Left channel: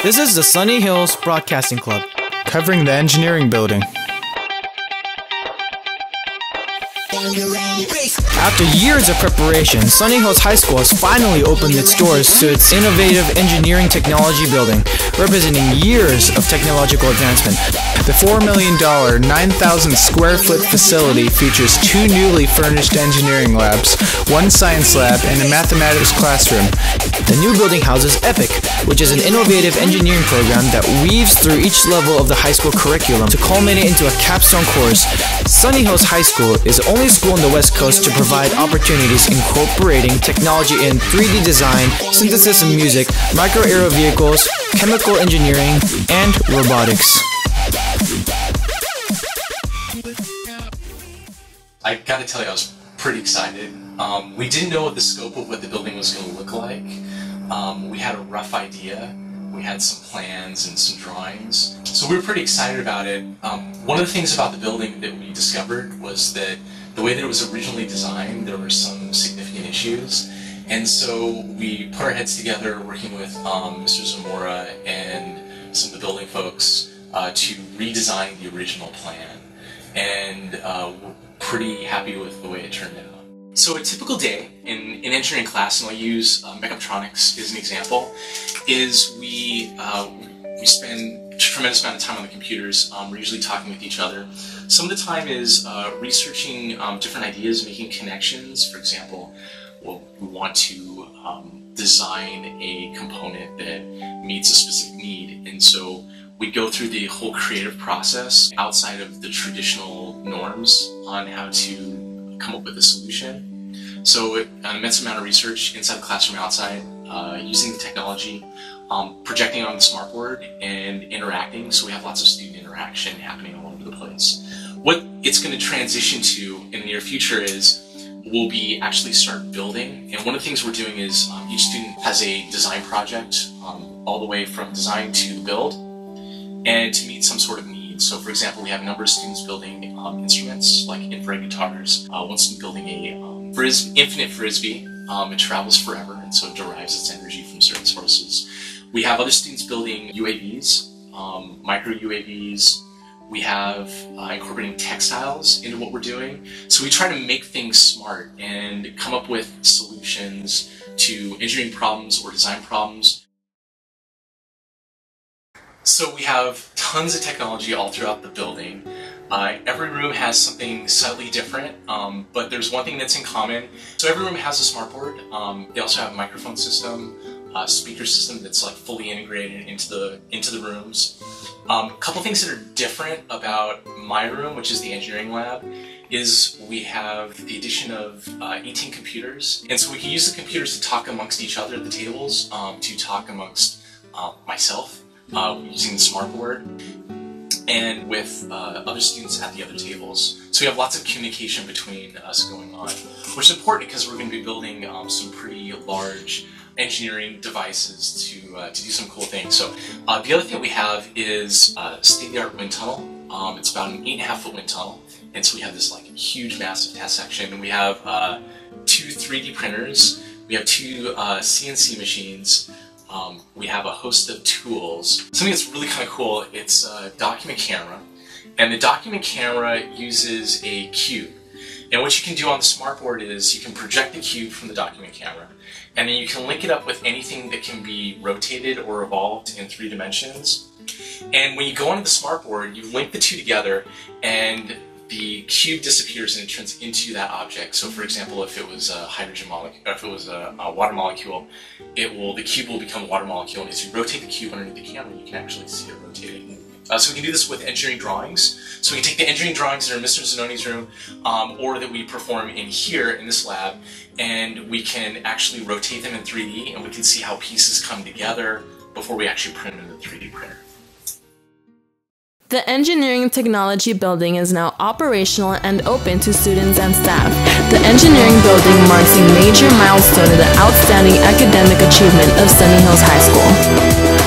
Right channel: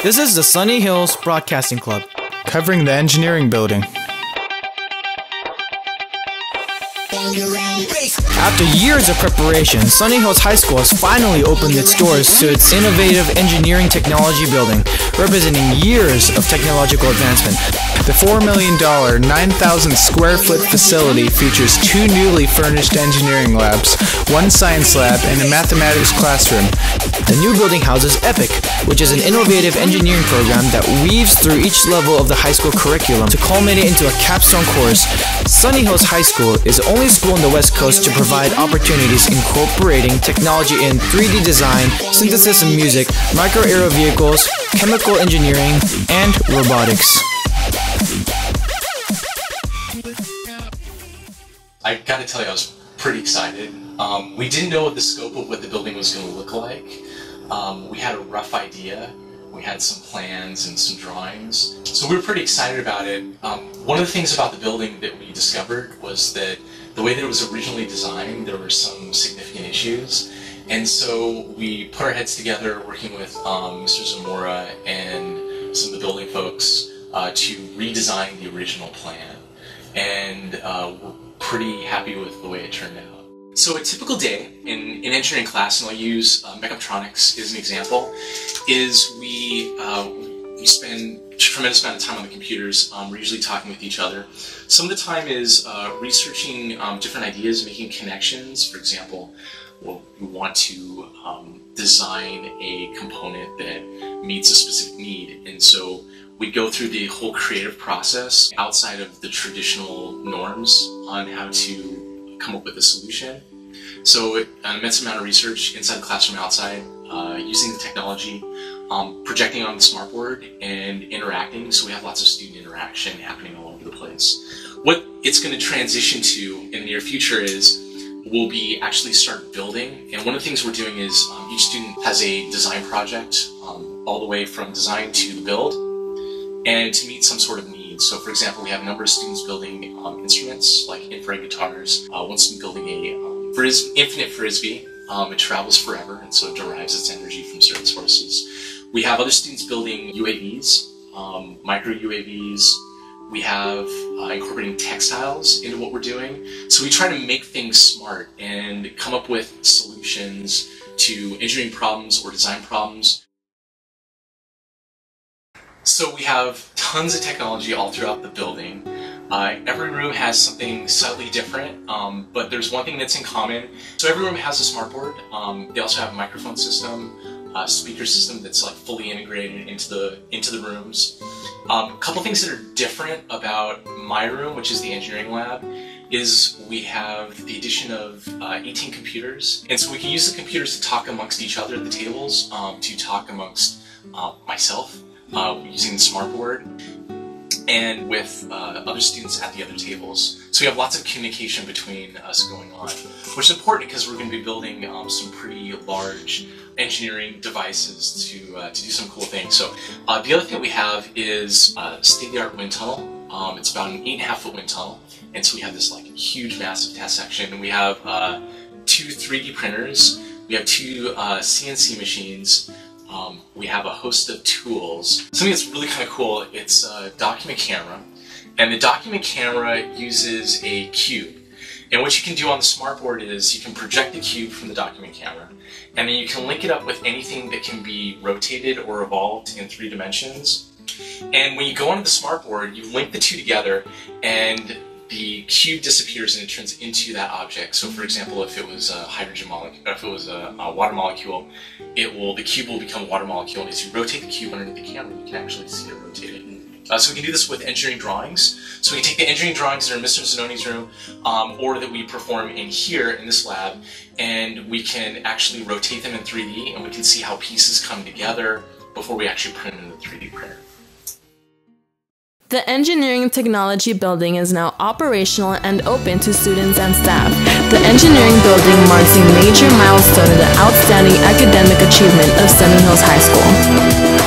This is the Sunny Hills Broadcasting Club, covering the engineering building. After years of preparation, Sunny Hills High School has finally opened its doors to its innovative engineering technology building, representing years of technological advancement. The $4 million, 9,000 square foot facility features 2 newly furnished engineering labs, 1 science lab, and a mathematics classroom. The new building houses EPIC, which is an innovative engineering program that weaves through each level of the high school curriculum to culminate into a capstone course. Sunny Hills High School is the only school on the West Coast to provide opportunities incorporating technology in 3D design, synthesis and music, micro-aero vehicles, chemical engineering, and robotics. I gotta tell you, I was pretty excited. We didn't know what the scope of what the building was going to look like. We had a rough idea. We had some plans and some drawings. So we were pretty excited about it. One of the things about the building that we discovered was that the way that it was originally designed, there were some significant issues. And so we put our heads together working with Mr. Zamora and some of the building folks to redesign the original plan. And we're pretty happy with the way it turned out. So a typical day in engineering class, and I'll use mechatronics as an example, is we spend a tremendous amount of time on the computers. We're usually talking with each other. Some of the time is researching different ideas, making connections. For example, we want to design a component that meets a specific need, and so we go through the whole creative process outside of the traditional norms on how to come up with a solution. So an immense amount of research inside the classroom, outside, using the technology, projecting on the smartboard and interacting. So we have lots of student interaction happening all over the place. What it's going to transition to in the near future is we'll be actually start building. And one of the things we're doing is each student has a design project all the way from design to the build and to meet some sort of need. So for example, we have a number of students building instruments like infrared guitars, one student building a infinite frisbee. It travels forever, and so it derives its energy from certain sources. We have other students building UAVs, micro UAVs. We have incorporating textiles into what we're doing. So we try to make things smart and come up with solutions to engineering problems or design problems. So we have tons of technology all throughout the building. Every room has something slightly different, but there's one thing that's in common. So every room has a smartboard. They also have a microphone system, a speaker system that's like fully integrated into the rooms. A couple things that are different about my room, which is the engineering lab, is we have the addition of 18 computers, and so we can use the computers to talk amongst each other at the tables, to talk amongst myself using the smartboard, and with other students at the other tables. So we have lots of communication between us going on, which is important because we're going to be building some pretty large engineering devices to do some cool things. So the other thing we have is a state-of-the-art wind tunnel. It's about an 8.5-foot wind tunnel, and so we have this like huge, massive test section. And we have 2 3D printers. We have 2 CNC machines. We have a host of tools. Something that's really kind of cool, it's a document camera. And the document camera uses a cube. And what you can do on the smartboard is you can project the cube from the document camera, and then you can link it up with anything that can be rotated or evolved in 3 dimensions. And when you go onto the smartboard, you link the 2 together, and the cube disappears and it turns into that object. So for example, if it was a hydrogen molecule, or if it was a water molecule, the cube will become a water molecule, and as you rotate the cube underneath the camera, you can actually see it rotating. So we can do this with engineering drawings. So we can take the engineering drawings that are in Mr. Zanoni's room, or that we perform in here in this lab, and we can actually rotate them in 3D, and we can see how pieces come together before we actually print them in the 3D printer. The Engineering Technology Building is now operational and open to students and staff. The Engineering Building marks a major milestone in the outstanding academic achievement of Sunny Hills High School.